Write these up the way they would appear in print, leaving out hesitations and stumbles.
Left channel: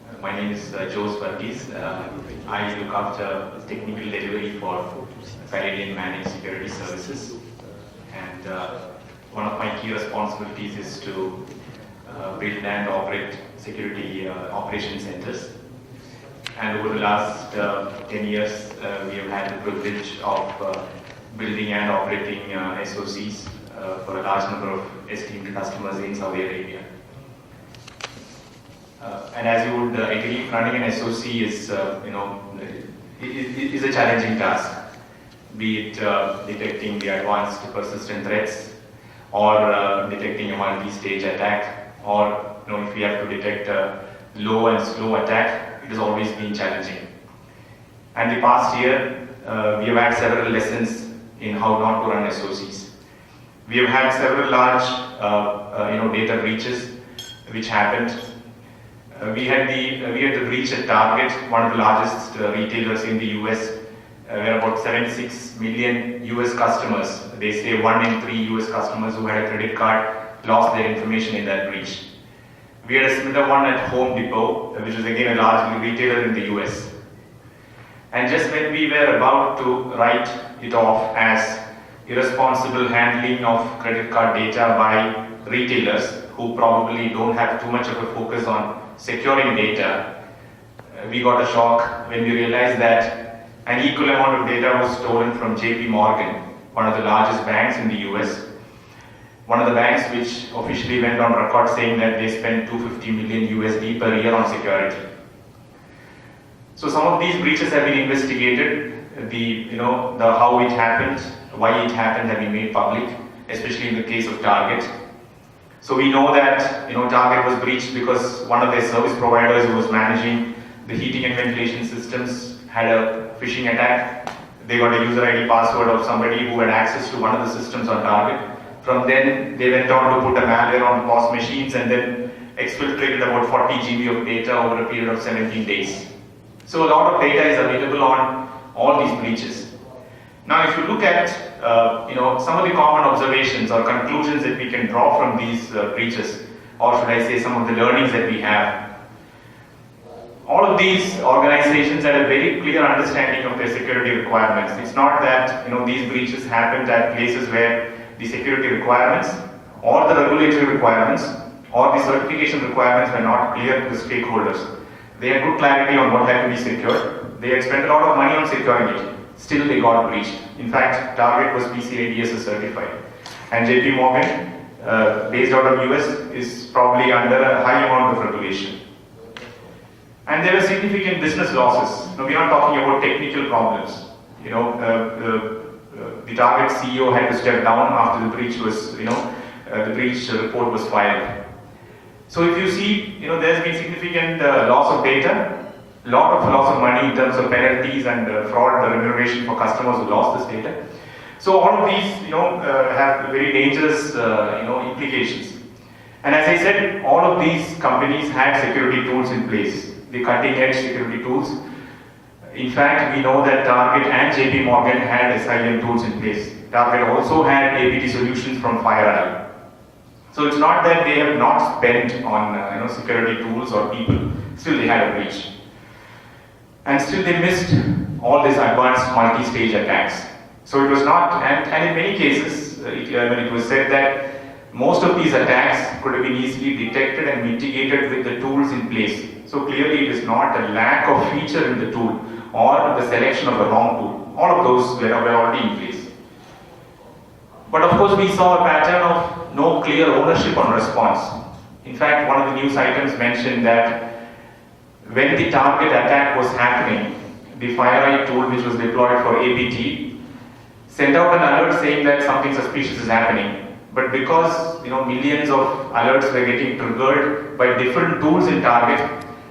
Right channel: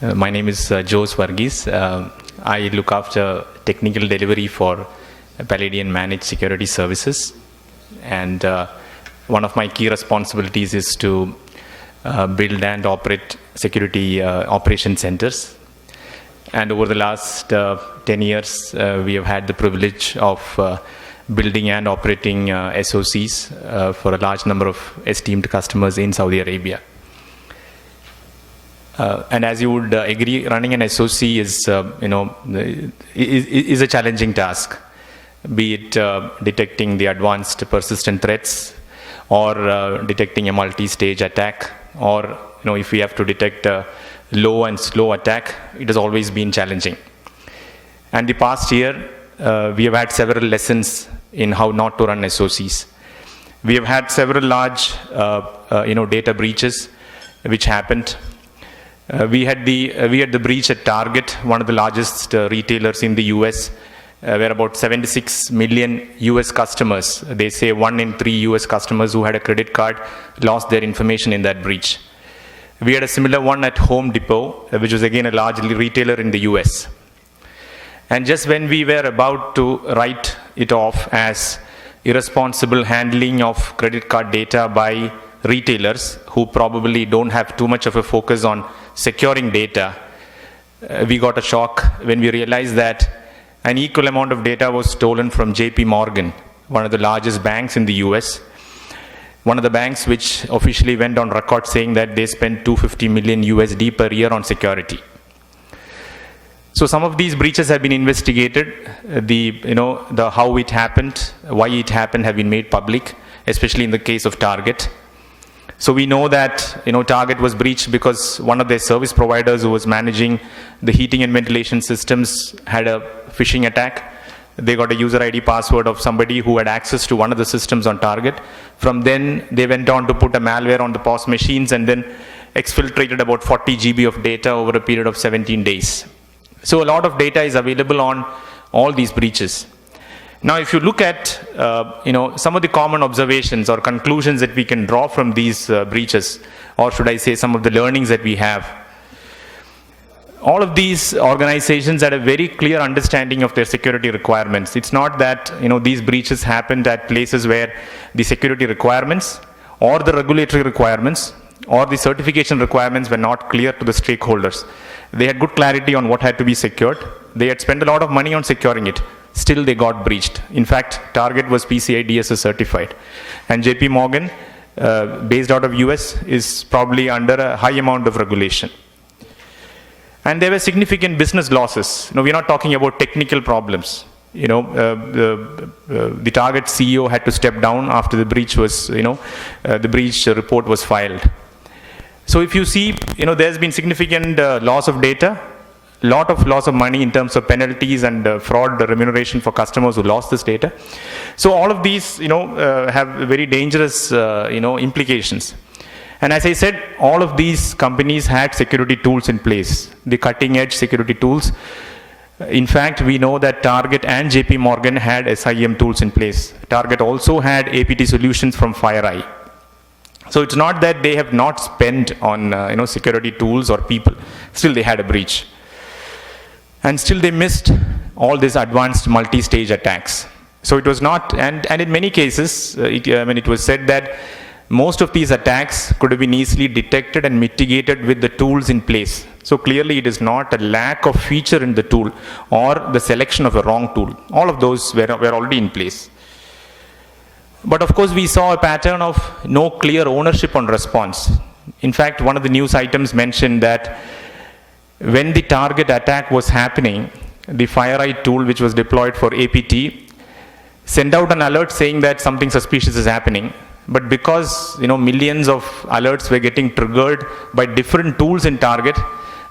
My name is Jose Varghese. I look after technical delivery for Paladion Managed Security Services. And one of my key responsibilities is to build and operate security operation centers. And over the last 10 years, we have had the privilege of building and operating SOCs for a large number of esteemed customers in Saudi Arabia. And as you would agree, running an SOC is, is a challenging task, be it detecting the advanced persistent threats, or detecting a multi-stage attack, or if we have to detect a low and slow attack, it has always been challenging. And the past year, we have had several lessons in how not to run SOCs. We have had several large, data breaches which happened. We had the breach at Target, one of the largest retailers in the US, where about 76 million US customers, they say 1 in 3 US customers who had a credit card lost their information in that breach. We had a similar one at Home Depot, which was again a large retailer in the US. And just when we were about to write it off as irresponsible handling of credit card data by retailers who probably don't have too much of a focus on securing data, we got a shock when we realized that an equal amount of data was stolen from JP Morgan, one of the largest banks in the US, one of the banks which officially went on record saying that they spend 250 million USD per year on security. So some of these breaches have been investigated. The how it happened, why it happened have been made public, especially in the case of Target. So we know that Target was breached because one of their service providers who was managing the heating and ventilation systems had a phishing attack. They got a user ID password of somebody who had access to one of the systems on Target. From then they went on to put a malware on the POS machines and then exfiltrated about 40 GB of data over a period of 17 days. So a lot of data is available on all these breaches. Now, if you look at some of the common observations or conclusions that we can draw from these breaches, or should I say some of the learnings that we have, all of these organizations had a very clear understanding of their security requirements. It's not that these breaches happened at places where the security requirements or the regulatory requirements or the certification requirements were not clear to the stakeholders. They had good clarity on what had to be secured. They had spent a lot of money on securing it. Still they got breached. In fact, Target was PCI DSS certified. And JP Morgan, based out of US, is probably under a high amount of regulation. And there were significant business losses. We're not talking about technical problems. The Target CEO had to step down after the breach was, the breach report was filed. So if you see, there's been significant loss of data, lot of loss of money in terms of penalties and fraud remuneration for customers who lost this data. So all of these, have very dangerous, implications. And as I said, all of these companies had security tools in place, the cutting-edge security tools. In fact, we know that Target and JP Morgan had SIEM tools in place. Target also had APT solutions from FireEye. So it's not that they have not spent on, security tools or people. Still, they had a breach. And still they missed all these advanced multi-stage attacks. So it was not, and in many cases, it was said that most of these attacks could have been easily detected and mitigated with the tools in place. So clearly it is not a lack of feature in the tool or the selection of the wrong tool. All of those were already in place. But of course we saw a pattern of no clear ownership on response. In fact, one of the news items mentioned that when the Target attack was happening, the FireEye tool, which was deployed for APT, sent out an alert saying that something suspicious is happening. But because millions of alerts were getting triggered by different tools in Target,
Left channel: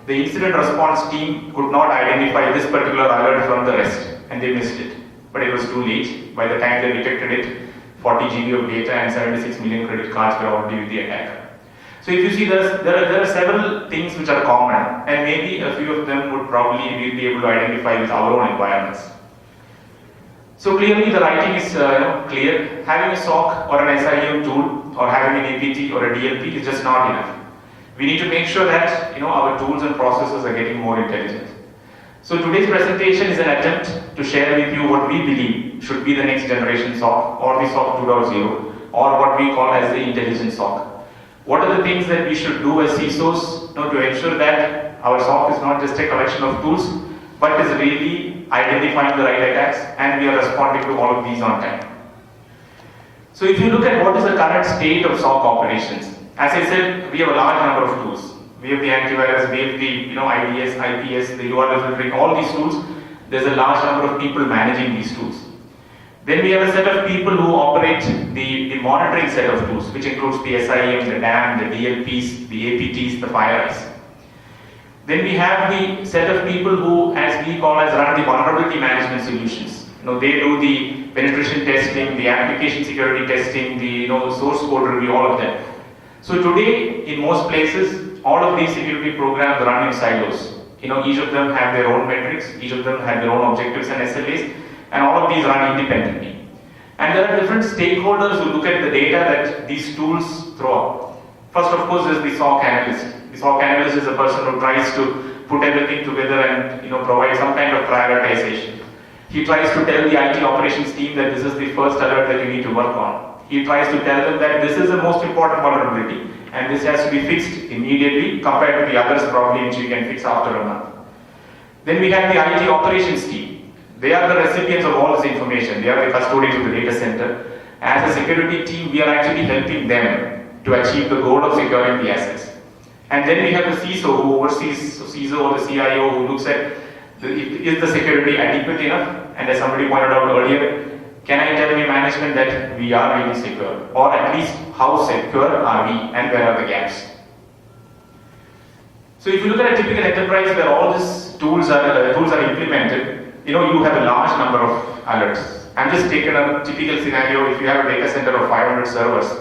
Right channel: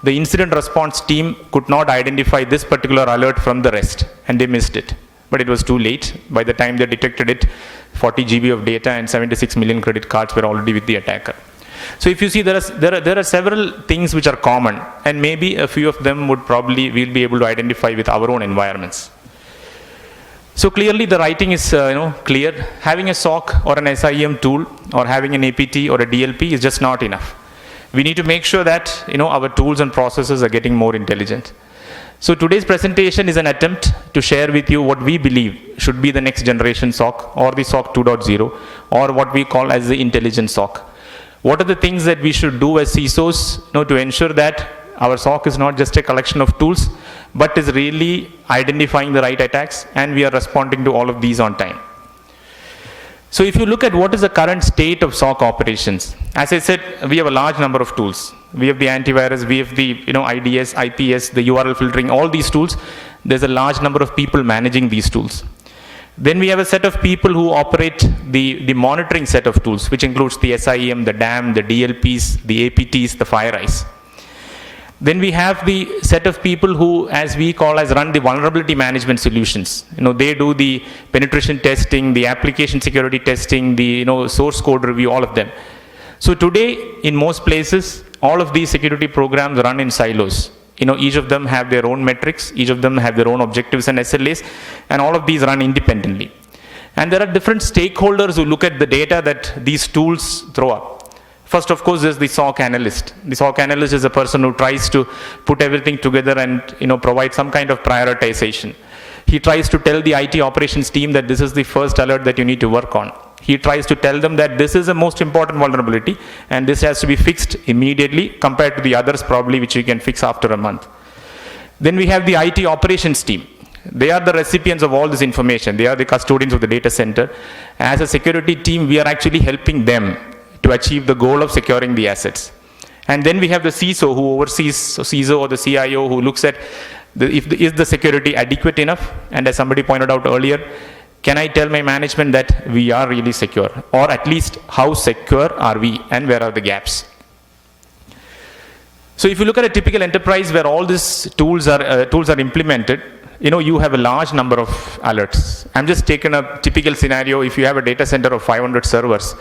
the incident response team could not identify this particular alert from the rest, and they missed it. But it was too late. By the time they detected it, 40 GB of data and 76 million credit cards were already with the attacker. So if you see, there are several things which are common, and maybe a few of them we'll be able to identify with our own environments. So clearly the writing is clear. Having a SOC or an SIEM tool or having an APT or a DLP is just not enough. we need to make sure that our tools and processes are getting more intelligent. So today's presentation is an attempt to share with you what we believe should be the next generation SOC, or the SOC 2.0, or what we call as the intelligent SOC. What are the things that we should do as CISOs to ensure that our SOC is not just a collection of tools, but is really identifying the right attacks, and we are responding to all of these on time. So if you look at what is the current state of SOC operations, as I said, we have a large number of tools. We have the antivirus, we have the IDS, IPS, the URL filtering, all these tools. There's a large number of people managing these tools. Then we have a set of people who operate the monitoring set of tools, which includes the SIM, the DAM, the DLPs, the APTs, the FireEyes. Then we have the set of people who, as we call as, run the vulnerability management solutions. They do the penetration testing, the application security testing, the source code review, all of them. So today, in most places, all of these security programs run in silos. Each of them have their own metrics, each of them have their own objectives and SLAs, and all of these run independently. And there are different stakeholders who look at the data that these tools throw up. First, of course, is the SOC analyst. The SOC analyst is a person who tries to put everything together and provide some kind of prioritization. He tries to tell the IT operations team that this is the first alert that you need to work on. He tries to tell them that this is the most important vulnerability and this has to be fixed immediately compared to the others probably which you can fix after a month. Then we have the IT operations team. They are the recipients of all this information. They are the custodians of the data center. As a security team, we are actually helping them to achieve the goal of securing the assets. And then we have the CISO who oversees, CISO or the CIO who looks at is the security adequate enough, and as somebody pointed out earlier, can I tell my management that we are really secure, or at least how secure are we and where are the gaps. So if you look at a typical enterprise where all these tools are implemented, you have a large number of alerts. I'm just taking a typical scenario. If you have a data center of 500 servers,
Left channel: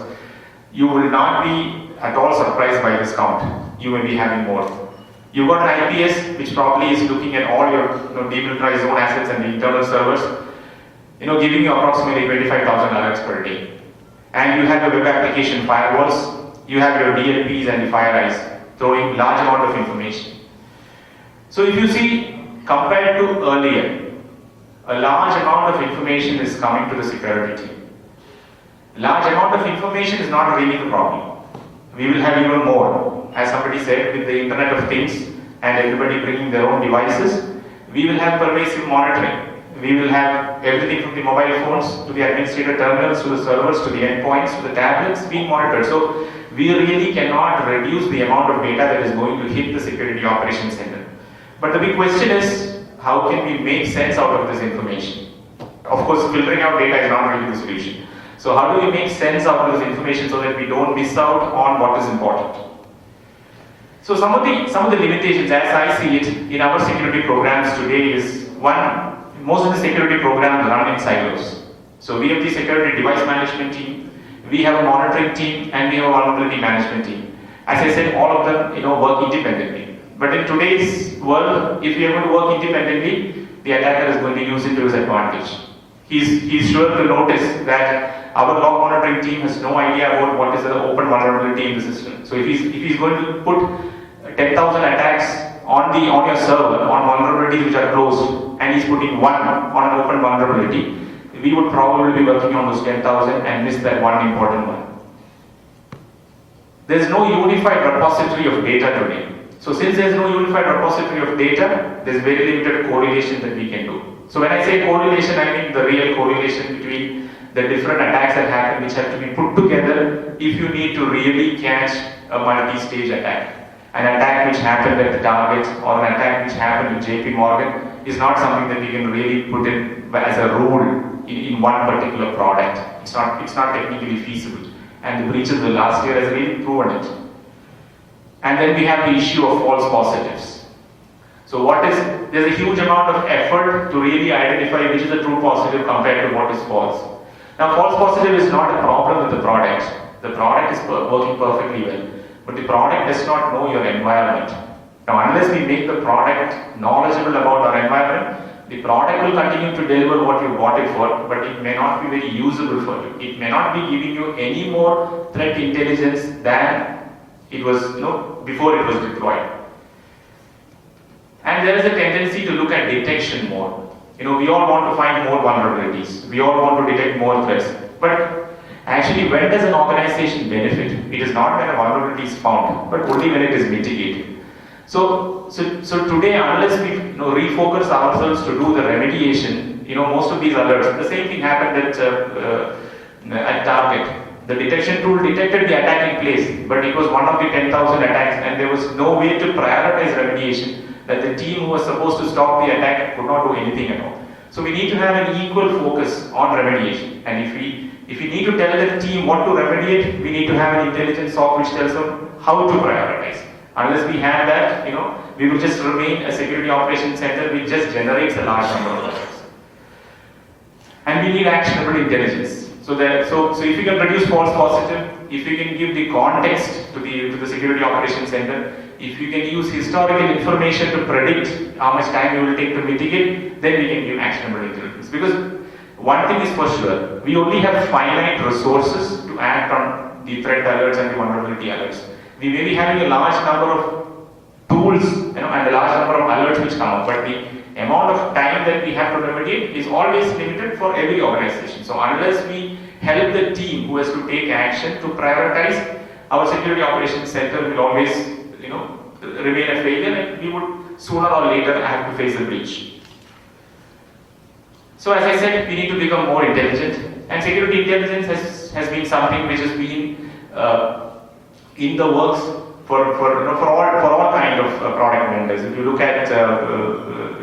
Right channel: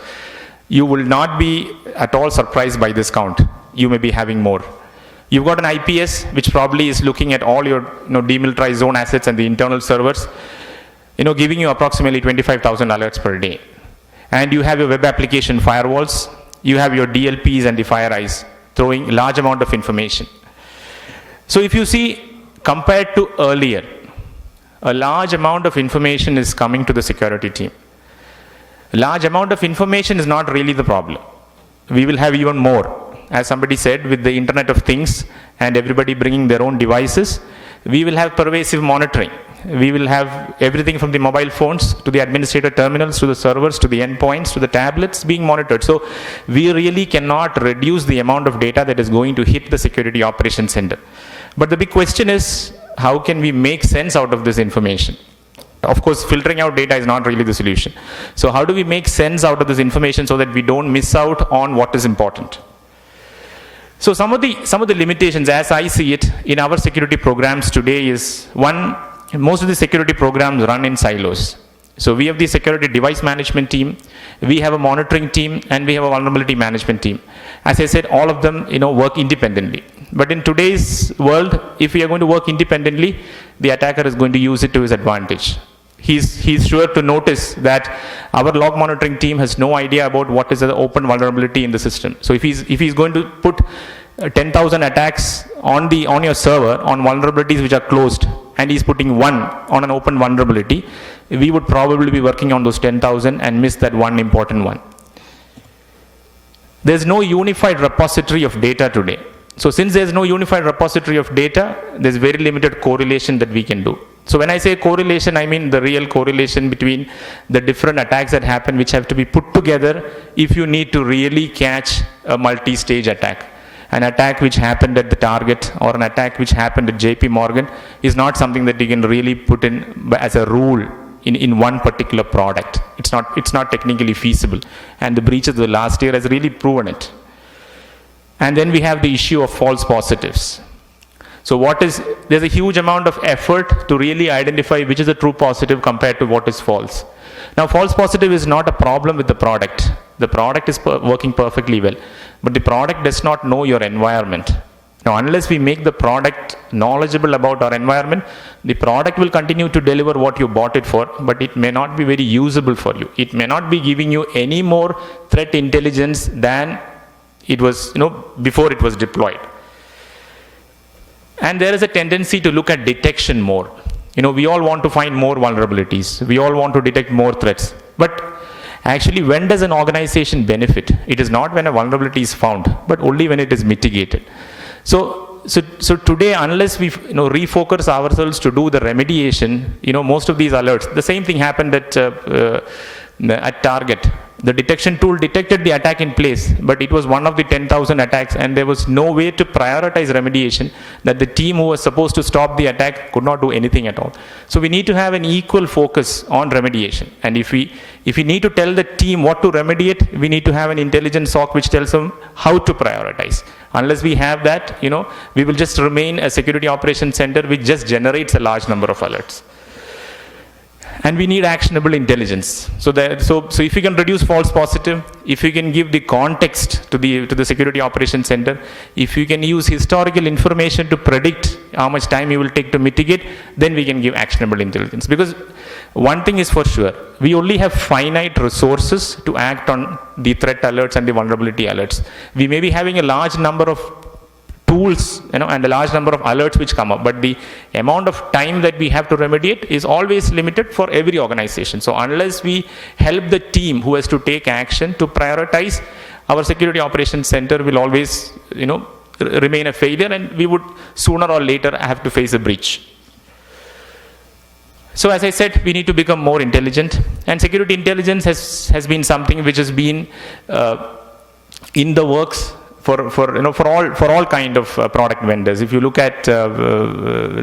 you will not be at all surprised by this count. You may be having more. You've got an IPS which probably is looking at all your demilitarized zone assets and the internal servers, giving you approximately 25,000 alerts per day. And you have your web application firewalls, you have your DLPs and the FireEyes throwing large amount of information. So if you see, compared to earlier, a large amount of information is coming to the security team. A large amount of information is not really the problem. We will have even more. As somebody said, with the Internet of Things and everybody bringing their own devices, we will have pervasive monitoring. We will have everything from the mobile phones to the administrator terminals to the servers to the endpoints to the tablets being monitored. So we really cannot reduce the amount of data that is going to hit the security operations center. But the big question is, how can we make sense out of this information? Of course, filtering out data is not really the solution. So how do we make sense out of this information so that we don't miss out on what is important? So some of the limitations, as I see it, in our security programs today is, one, most of the security programs run in silos. So we have the security device management team, we have a monitoring team, and we have a vulnerability management team. As I said, all of them work independently. But in today's world, if we are going to work independently, the attacker is going to use it to his advantage. He's sure to notice that our log monitoring team has no idea about what is an open vulnerability in the system. So if he's going to put 10,000 attacks on your server on vulnerabilities which are closed, and he's putting one on an open vulnerability, we would probably be working on those 10,000 and miss that one important one. There's no unified repository of data today. So since there's no unified repository of data, there's very limited correlation that we can do. So when I say correlation, I mean the real correlation between the different attacks that happen, which have to be put together if you need to really catch a multi-stage attack. An attack which happened at the target or an attack which happened at JP Morgan is not something that you can really put in as a rule in one particular product. It's not technically feasible. And the breaches of the last year has really proven it. And then we have the issue of false positives. So there's a huge amount of effort to really identify which is a true positive compared to what is false. Now, false positive is not a problem with the product. The product is working perfectly well, but the product does not know your environment. Now, unless we make the product knowledgeable about our environment, the product will continue to deliver what you bought it for, but it may not be very usable for you. It may not be giving you any more threat intelligence than it was, before it was deployed. And there is a tendency to look at detection more. We all want to find more vulnerabilities. We all want to detect more threats. But actually, when does an organization benefit? It is not when a vulnerability is found, but only when it is mitigated. So today, unless we refocus ourselves to do the remediation, most of these alerts, the same thing happened at Target. The detection tool detected the attack in place, but it was one of the 10,000 attacks, and there was no way to prioritize remediation, that the team who was supposed to stop the attack could not do anything at all. So we need to have an equal focus on remediation. And if we need to tell the team what to remediate, we need to have an intelligence SOC which tells them how to prioritize. Unless we have that, we will just remain a security operations center which just generates a large number of alerts. And we need actionable intelligence. So if you can reduce false positive, if you can give the context to the security operations center, if you can use historical information to predict how much time you will take to mitigate, then we can give actionable intelligence. Because one thing is for sure, we only have finite resources to act on the threat alerts and the vulnerability alerts. We may be having a large number of tools, and a large number of alerts which come up, but the amount of time that we have to remediate is always limited for every organization. So unless we help the team who has to take action to prioritize, our security operations center will always, remain a failure, and we would sooner or later have to face a breach. So as I said, we need to become more intelligent, and security intelligence has been something which has been in the works for all kind of product vendors. If you look at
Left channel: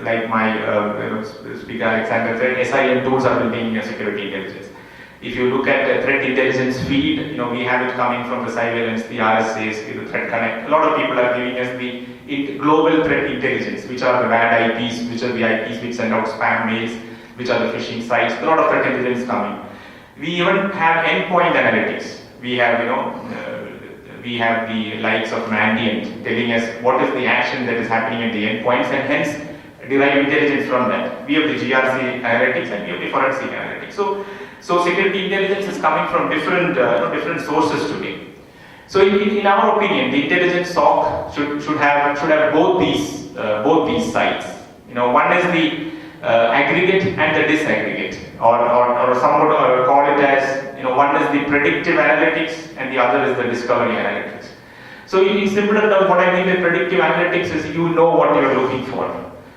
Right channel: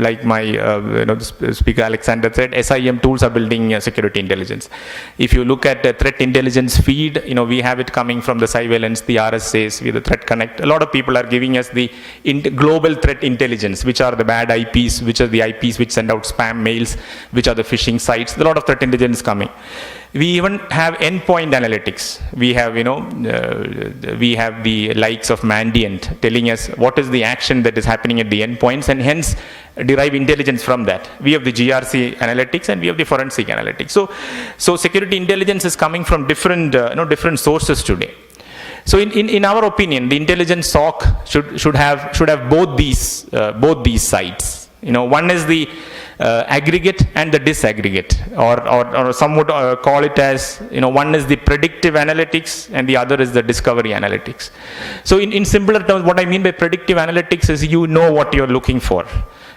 like my speaker Alexander said, SIM tools are building security intelligence. If you look at the threat intelligence feed, we have it coming from the surveillance, the RSAs, with the Threat Connect. A lot of people are giving us the global threat intelligence, which are the bad IPs, which are the IPs which send out spam mails, which are the phishing sites. A lot of threat intelligence coming. We even have endpoint analytics. We have, we have the likes of Mandiant telling us what is the action that is happening at the endpoints, and hence derive intelligence from that. We have the GRC analytics, and we have the forensic analytics. So security intelligence is coming from different sources today. So in our opinion, the intelligence SOC should have both these sides. One is the aggregate and the disaggregate, or some would call it as, one is the predictive analytics and the other is the discovery analytics. So in simpler terms, what I mean by predictive analytics is what you're looking for.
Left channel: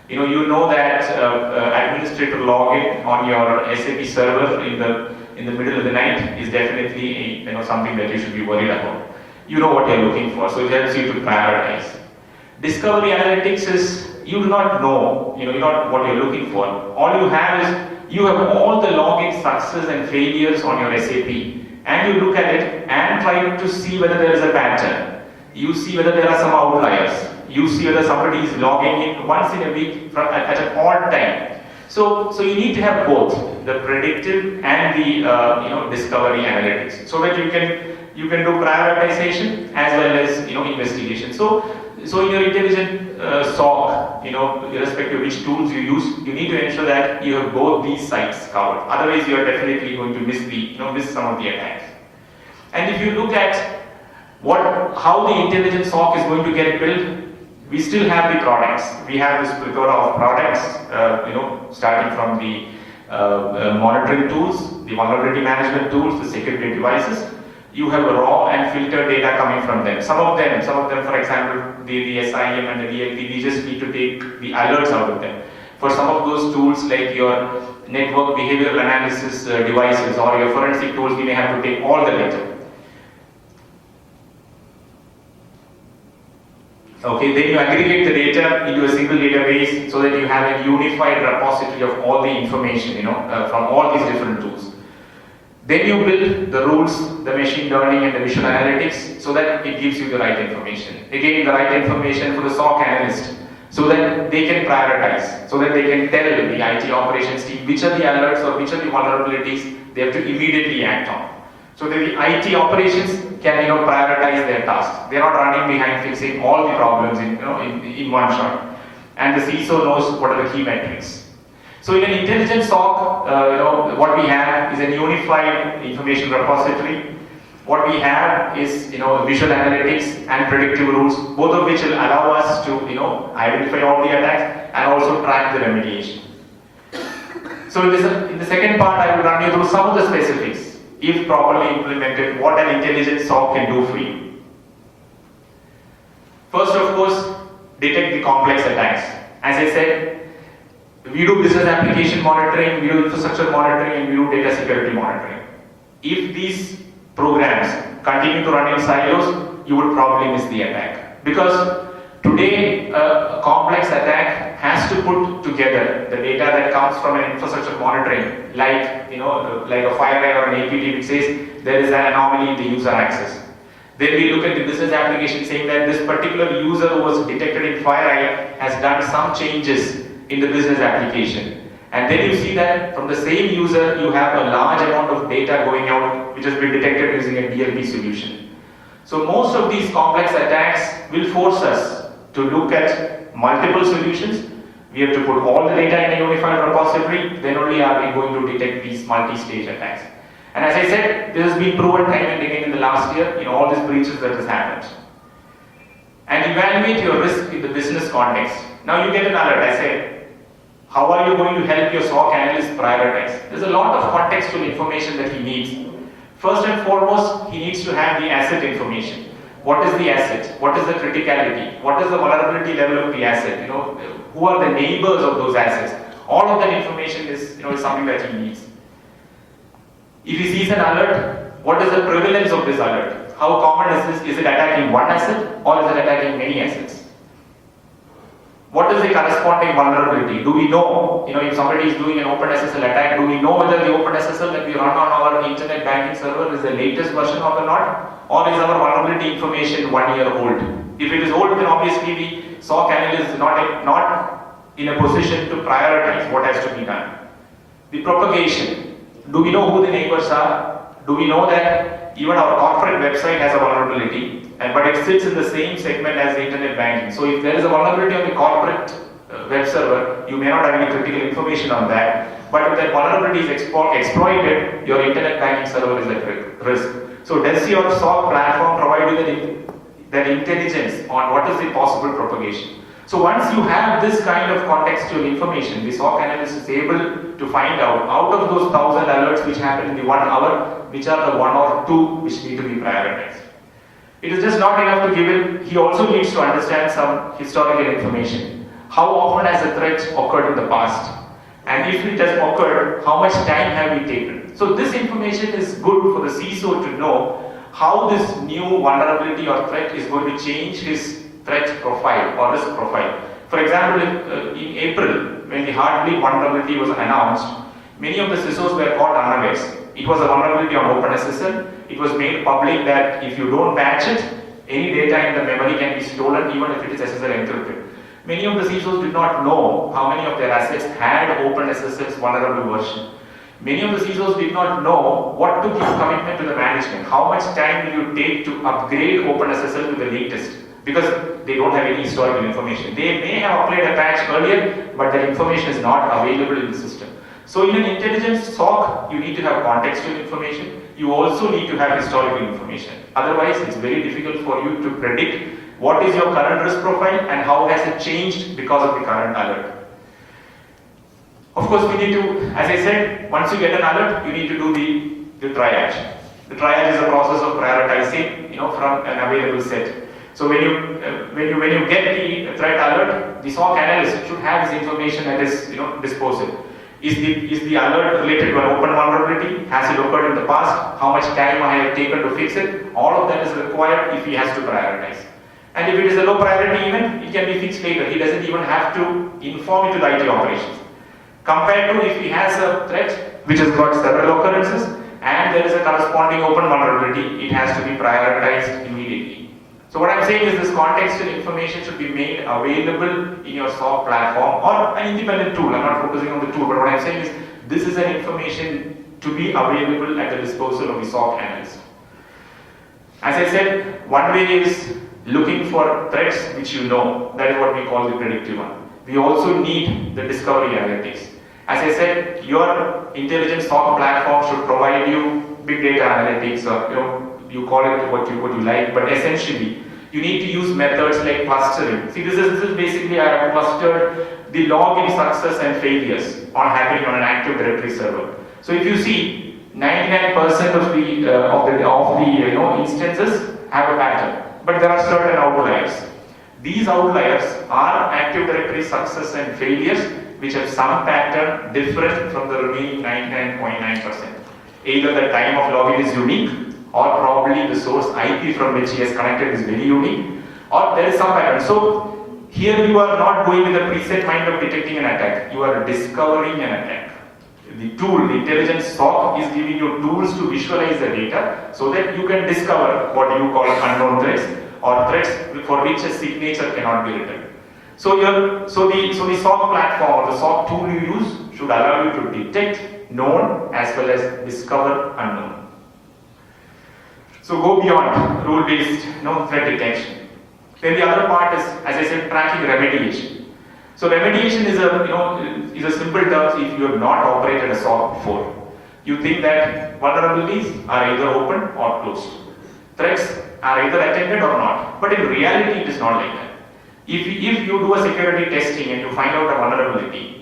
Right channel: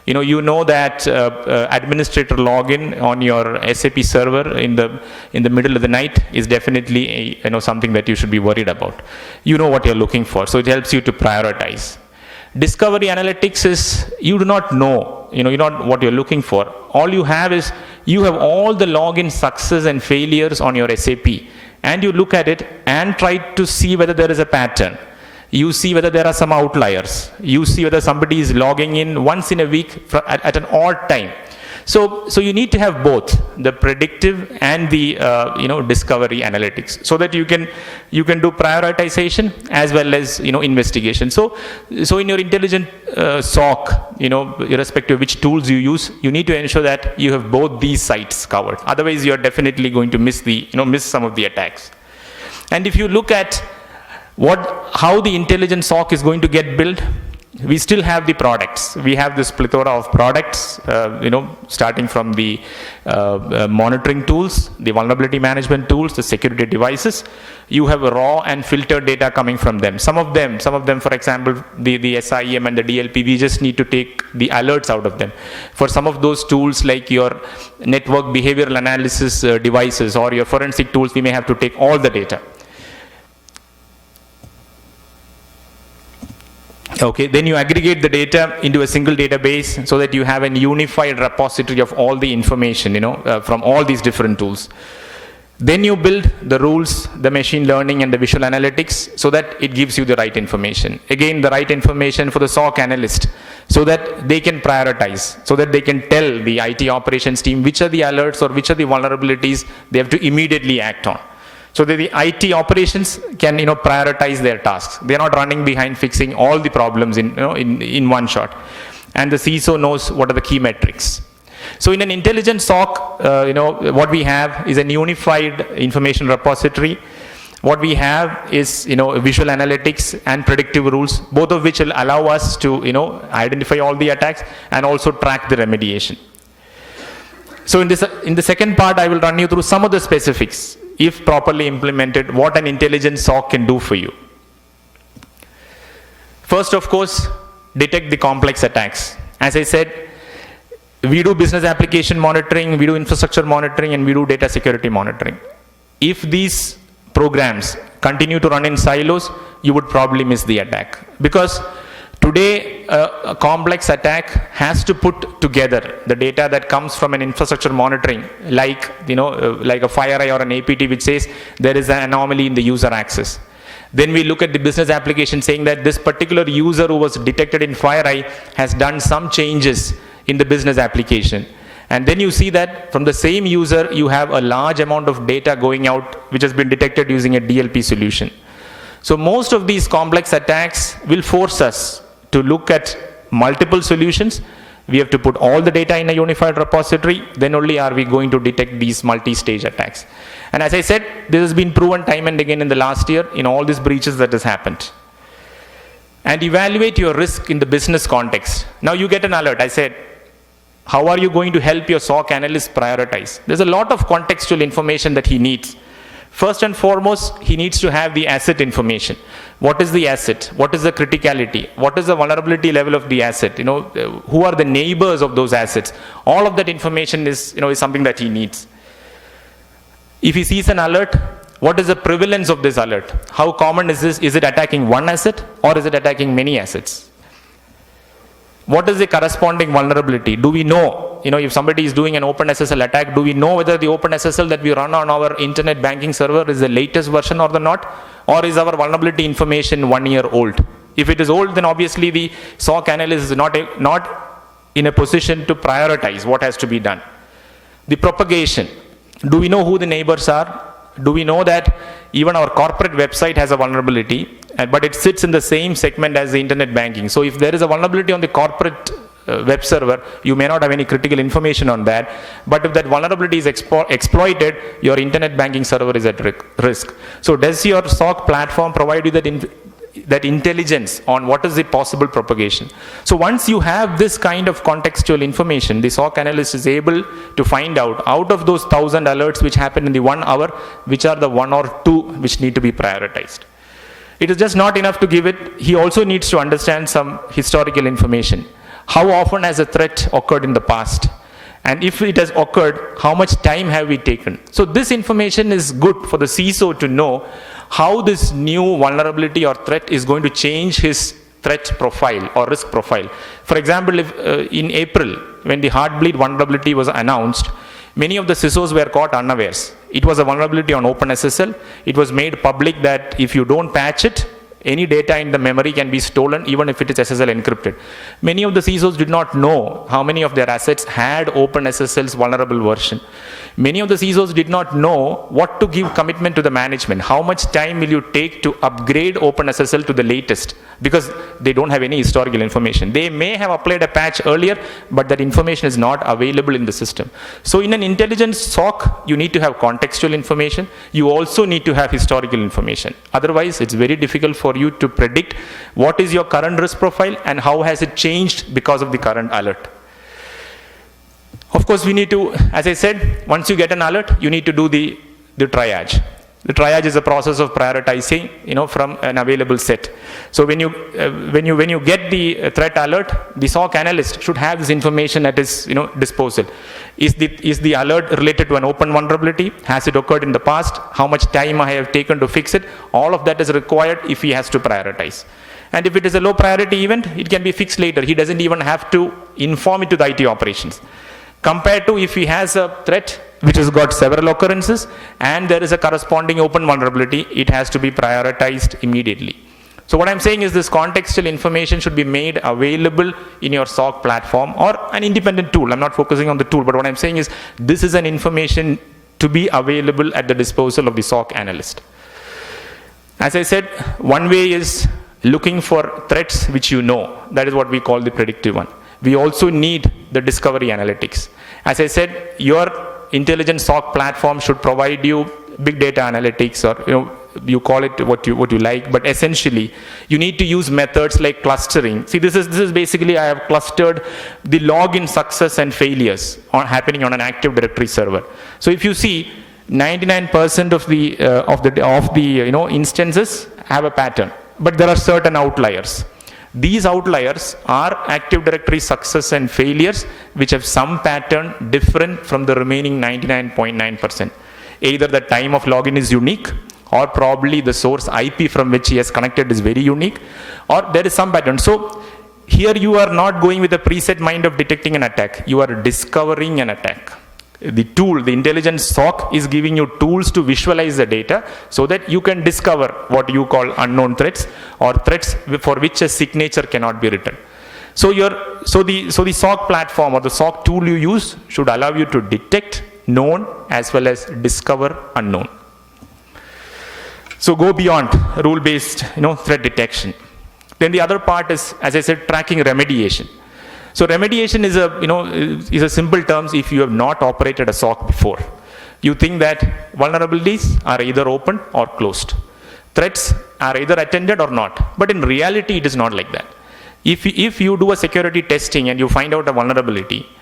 You know that administrator login on your SAP server in the middle of the night is definitely something that you should be worried about. You know what you're looking for, so it helps you to prioritize. Discovery analytics is you do not know, what you're looking for. All you have is you have all the login success and failures on your SAP, and you look at it and try to see whether there is a pattern. You see whether there are some outliers. You see whether somebody is logging in once in a week at an odd time. So you need to have both the predictive and the discovery analytics, so that you can do prioritization as well as investigation. So in your intelligent SOC, irrespective of which tools you use, you need to ensure that you have both these sites covered. Otherwise, you are definitely going to miss some of the attacks. And if you look at how the intelligent SOC is going to get built, we still have the products. We have this plethora of products, starting from the monitoring tools, the vulnerability management tools, the security devices. You have raw and filtered data coming from them. Some of them, for example, the SIM and the DLP, we just need to take the alerts out of them. For some of those tools, like your network behavioral analysis devices or your forensic tools, we may have to take all the data. Okay, then you aggregate the data into a single database so that you have a unified repository of all the information, from all these different tools. Then you build the rules, the machine learning and the visual analytics so that it gives you the right information. Again, the right information for the SOC analyst so that they can prioritize, so that they can tell the IT operations team which are the alerts or which are the vulnerabilities they have to immediately act on. So that the IT operations can prioritize their tasks. They are not running behind fixing all the problems in one shot. And the CISO knows what are the key metrics. So in an intelligent SOC, what we have is a unified information repository. what we have is, visual analytics and predictive rules, both of which will allow us to, identify all the attacks and also track the remediation. So in the second part, I will run you through some of the specifics, if properly implemented, what an intelligent SOC can do for you. First, of course, detect the complex attacks. As I said, we do business application monitoring, we do infrastructure monitoring, and we do data security monitoring. If these programs continue to run in silos, you would probably miss the attack. Because today, a complex attack has to put together the data that comes from an infrastructure monitoring, like a FireEye or an APT, which says there is an anomaly in the user access. Then we look at the business application saying that this particular user who was detected in FireEye has done some changes in the business application. And then you see that from the same user, you have a large amount of data going out, which has been detected using a DLP solution. So most of these complex attacks will force us to look at multiple solutions. We have to put all the data in a unified repository, then only are we going to detect these multi-stage attacks. And as I said, this has been proven time and again in the last year in all these breaches that has happened. And evaluate your risk in the business context. Now you get an alert. I say, how are you going to help your SOC analyst prioritize? There's a lot of contextual information that he needs. First and foremost, he needs to have the asset information. What is the asset? What is the criticality? What is the vulnerability level of the asset? Who are the neighbors of those assets? All of that information is something that he needs. If he sees an alert, what is the prevalence of this alert? How common is this? Is it attacking one asset or is it attacking many assets? What is the corresponding vulnerability? Do we know, if somebody is doing an OpenSSL attack, do we know whether the OpenSSL that we run on our internet banking server is the latest version or not? Or is our vulnerability information 1 year old? If it is old, then obviously the SOC analyst is not in a position to prioritize what has to be done. The propagation. Do we know who the neighbors are? Do we know that even our corporate website has a vulnerability, but it sits in the same segment as the internet banking? So if there is a vulnerability on the corporate web server, you may not have any critical information on that, but if that vulnerability is exploited, your internet banking server is at risk. So does your SOC platform provide you that intelligence on what is the possible propagation? So once you have this kind of contextual information, the SOC analyst is able to find out of those 1,000 alerts which happen in the 1 hour, which are the 1 or 2 which need to be prioritized. It is just not enough to give it. He also needs to understand some historical information. How often has a threat occurred in the past? And if it has occurred, how much time have we taken? So this information is good for the CISO to know how this new vulnerability or threat is going to change his threat profile or risk profile. For example, if in April, when the Heartbleed vulnerability was announced, many of the CISOs were caught unawares. It was a vulnerability on OpenSSL. It was made public that if you don't patch it, any data in the memory can be stolen even if it is SSL encrypted. Many of the CISOs did not know how many of their assets had OpenSSL's vulnerable version. Many of the CISOs did not know what to give commitment to the management. How much time will you take to upgrade OpenSSL to the latest? Because they don't have any historical information. They may have applied a patch earlier, but that information is not available in the system. So in an intelligent SOC, you need to have contextual information. You also need to have historical information. Otherwise, it's very difficult for you to predict what is your current risk profile and how has it changed because of the current alert. Of course, we need to, as I said, once you get an alert, you need to do the triage. The triage is a process of prioritizing, from an available set. So when you get the threat alert, the SOC analyst should have this information at his disposal. Is the alert related to an open vulnerability? Has it occurred in the past? How much time I have taken to fix it? All of that is required if he has to prioritize. And if it is a low priority event, it can be fixed later. He doesn't even have to inform it to the IT operations. Compared to if he has a threat which has got several occurrences and there is a corresponding open vulnerability, it has to be prioritized immediately. So what I'm saying is this contextual information should be made available in your SOC platform or an independent tool. I'm not focusing on the tool, but what I'm saying is this is an information to be available at the disposal of the SOC analyst. As I said, one way is looking for threats which you know. That is what we call the predictive one. We also need the discovery analytics. As I said, your intelligent SOC platform should provide you big data analytics or you call it what you like, but essentially you need to use methods like clustering. See, this is basically, I have clustered the login success and failures are happening on an Active Directory server. So if you see, 99% of the instances have a pattern, but there are certain outliers. These outliers are Active Directory success and failures which have some pattern different from the remaining 99.9%. Either the time of login is unique, or probably the source IP from which he has connected is very unique, or there is some pattern. So here you are not going with a preset mind of detecting an attack, you are discovering an attack. The tool, the intelligence SOC, is giving you tools to visualize the data so that you can discover what you call unknown threats, or threats for which a signature cannot be written. So the SOC platform or the SOC tool you use should allow you to detect known as well as discover unknown. So go beyond rule-based threat detection. Then the other part is, as I said, tracking remediation. So remediation is a simple terms. If you have not operated a SOC before, you think that vulnerabilities are either open or closed. Threats are either attended or not. But in reality, it is not like that. If you do a security testing and you find out a vulnerability,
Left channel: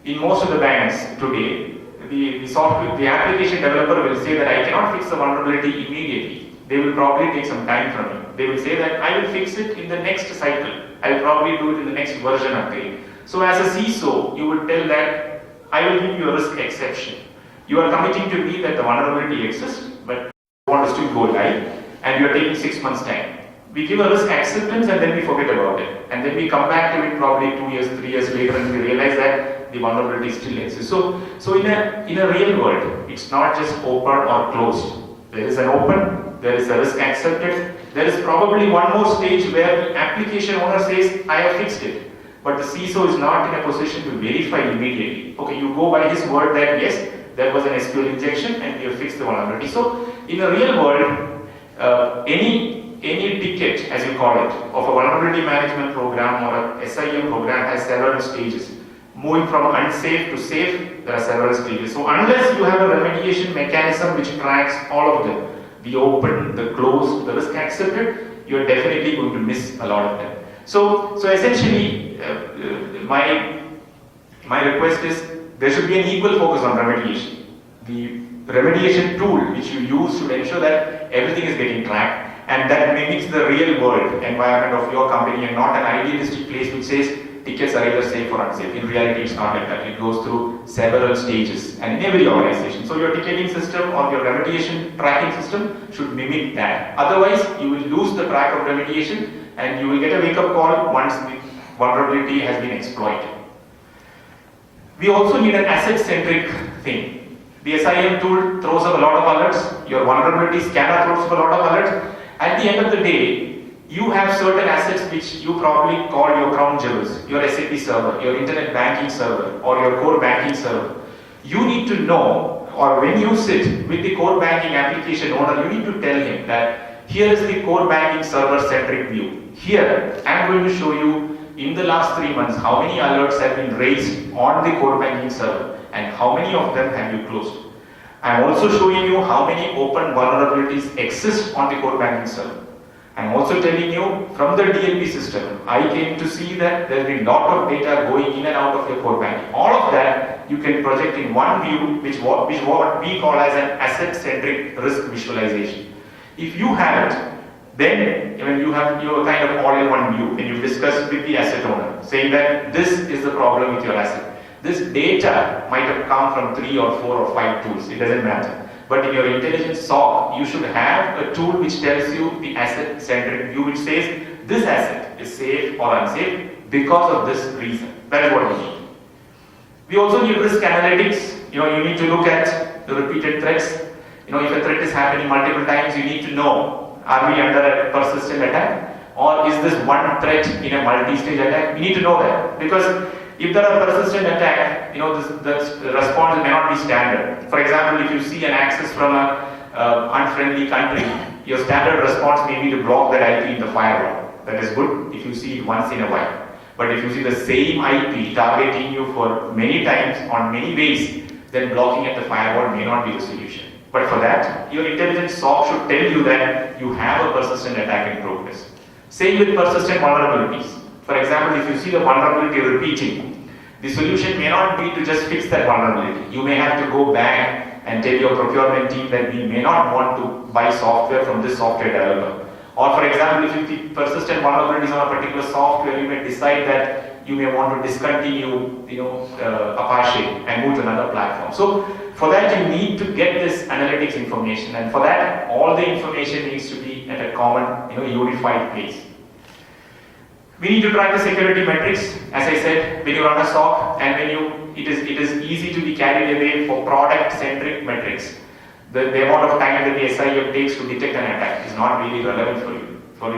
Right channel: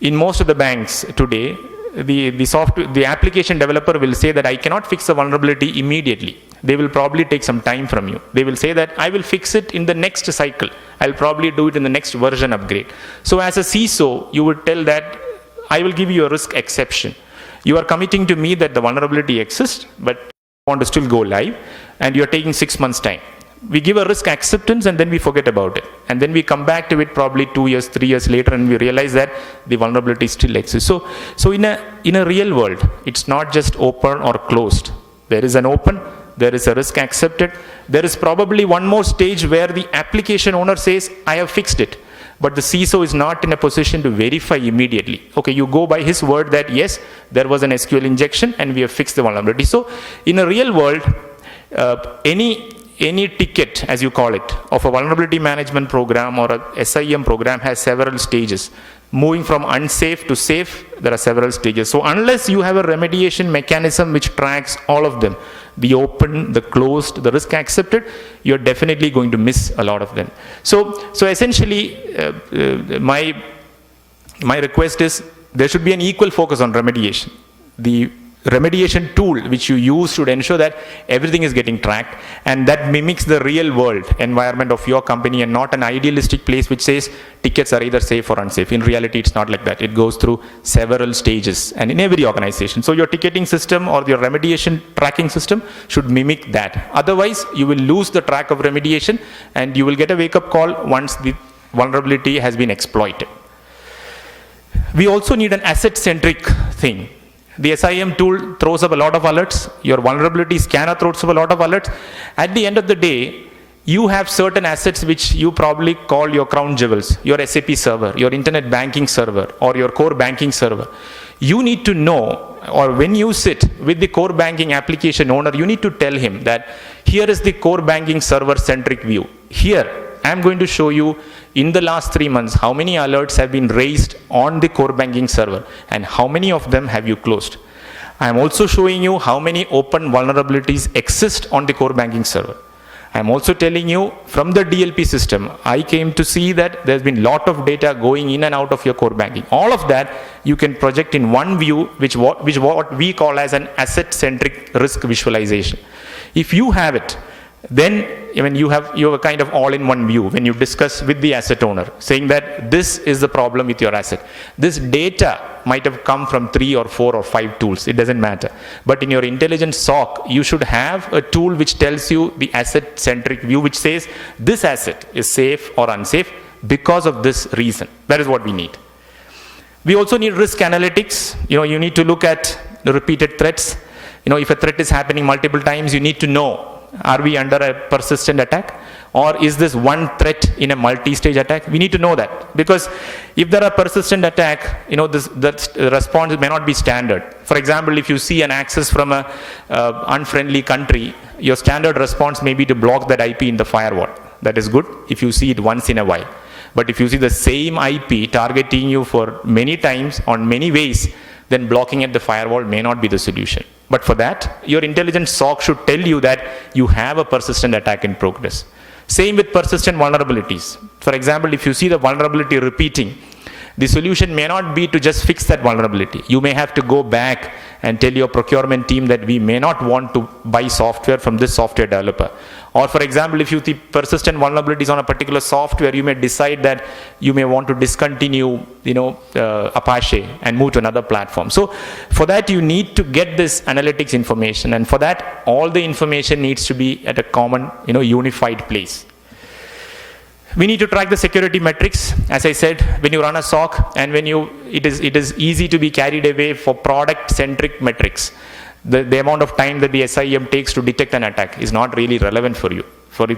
in most of the banks today, the application developer will say that I cannot fix the vulnerability immediately. They will probably take some time from you. They will say that I will fix it in the next cycle. I will probably do it in the next version upgrade. So as a CISO, you would tell that I will give you a risk exception. You are committing to me that the vulnerability exists, but you want to still go live, and you are taking 6 months time. We give a risk acceptance and then we forget about it. And then we come back to it probably 2 years, 3 years later, and we realize that the vulnerability still exists. So in a real world, it's not just open or closed. There is an open, there is a risk accepted. There is probably one more stage where the application owner says, I have fixed it. But the CISO is not in a position to verify immediately. Okay, you go by his word that yes, there was an SQL injection and we have fixed the vulnerability. So in a real world, any ticket, as you call it, of a vulnerability management program or a SIM program has several stages. Moving from unsafe to safe, there are several stages. So unless you have a remediation mechanism which tracks all of them, the open, the closed, the risk accepted, you're definitely going to miss a lot of them. So essentially, my request is there should be an equal focus on remediation. The remediation tool which you use should ensure that everything is getting tracked and that mimics the real world environment of your company and not an idealistic place which says tickets are either safe or unsafe. In reality, it's not like that. It goes through several stages and in every organization. So your ticketing system or your remediation tracking system should mimic that. Otherwise, you will lose the track of remediation and you will get a wake-up call once the vulnerability has been exploited. We also need an asset-centric thing. The SIM tool throws up a lot of alerts. Your vulnerability scanner throws up a lot of alerts. At the end of the day, you have certain assets which you probably call your crown jewels, your SAP server, your internet banking server, or your core banking server. You need to know, or when you sit with the core banking application owner, you need to tell him that here is the core banking server centric view. Here, I'm going to show you in the last 3 months, how many alerts have been raised on the core banking server and how many of them have you closed. I'm also showing you how many open vulnerabilities exist on the core banking server. I'm also telling you from the DLP system, I came to see that there's been a lot of data going in and out of your core banking. All of that you can project in one view, which what we call as an asset-centric risk visualization. If you have it, then you're kind of all in one view when you discuss with the asset owner, saying that this is the problem with your asset. This data might have come from 3 or 4 or 5 tools, it doesn't matter. But in your intelligent SOC, you should have a tool which tells you the asset-centric view, which says this asset is safe or unsafe because of this reason. That is what we need. We also need risk analytics. You need to look at the repeated threats. If a threat is happening multiple times, you need to know, are we under a persistent attack? Or is this one threat in a multi-stage attack? We need to know that. Because if there are persistent attack, that response may not be standard. For example, if you see an access from an unfriendly country, your standard response may be to block that IP in the firewall. That is good if you see it once in a while. But if you see the same IP targeting you for many times on many ways, then blocking at the firewall may not be the solution. But for that, your intelligence SOC should tell you that you have a persistent attack in progress. Same with persistent vulnerabilities. For example, if you see the vulnerability repeating, the solution may not be to just fix that vulnerability. You may have to go back and tell your procurement team that we may not want to buy software from this software developer. Or for example, if you see persistent vulnerabilities on a particular software, you may decide that you may want to discontinue, Apache and move to another platform. So for that, you need to get this analytics information, and for that, all the information needs to be at a common, unified place. We need to track the security metrics. As I said, when you run a SOC, and it is easy to be carried away for product-centric metrics. The amount of time that the SIEM takes to detect an attack is not really relevant for you.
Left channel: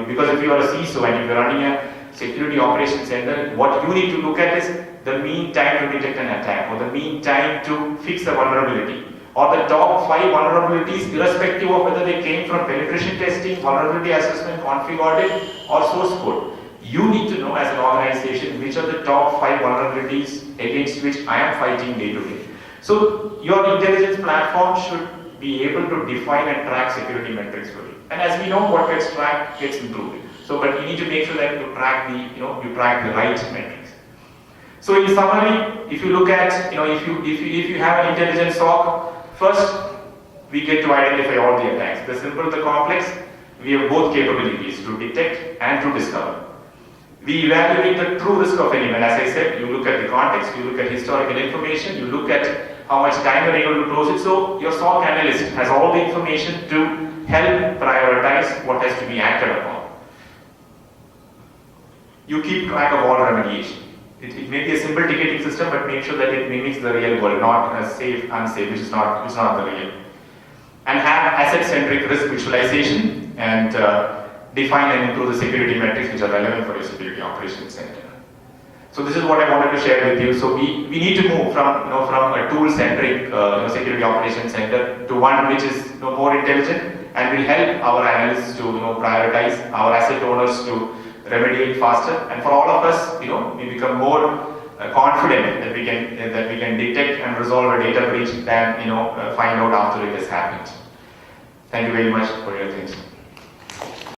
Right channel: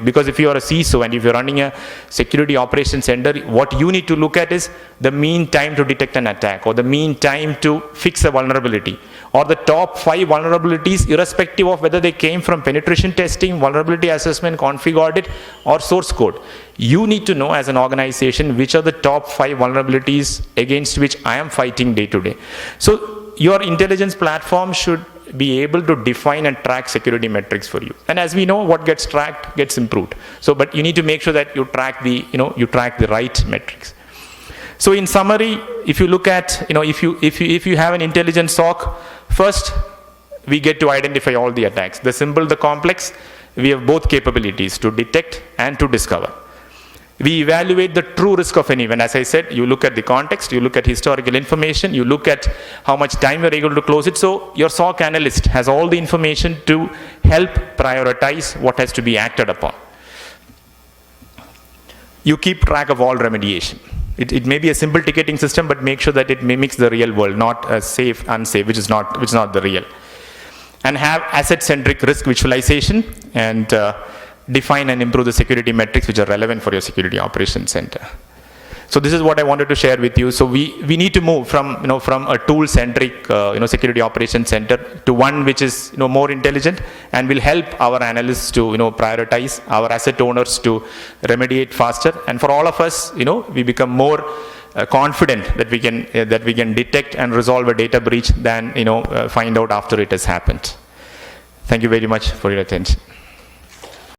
Because if you are a CISO and if you're running a security operations center, what you need to look at is the mean time to detect an attack, or the mean time to fix a vulnerability, or the top 5 vulnerabilities, irrespective of whether they came from penetration testing, vulnerability assessment, config audit, or source code. You need to know as an organization which are the top 5 vulnerabilities against which I am fighting day to day. So your intelligence platform should be able to define and track security metrics for you. And as we know, what gets tracked gets improved. But you need to make sure that you track the right metrics. So in summary, if you look at, if you have an intelligence SOC, first we get to identify all the attacks. The simple, the complex, we have both capabilities to detect and to discover. We evaluate the true risk of an event. As I said, you look at the context, you look at historical information, you look at how much time you're able to close it. So your SOC analyst has all the information to help prioritize what has to be acted upon. You keep track of all remediation. It may be a simple ticketing system, but make sure that it mimics the real world, not a safe, unsafe, which is not the real. And have asset-centric risk visualization, and define and improve the security metrics which are relevant for your security operations center. So this is what I wanted to share with you. So we need to move from a tool-centric security operations center to one which is more intelligent, and will help our analysts to prioritize, our asset owners to remediate faster, and for all of us, we become more confident that we can detect and resolve a data breach than find out after it has happened. Thank you very much for your attention.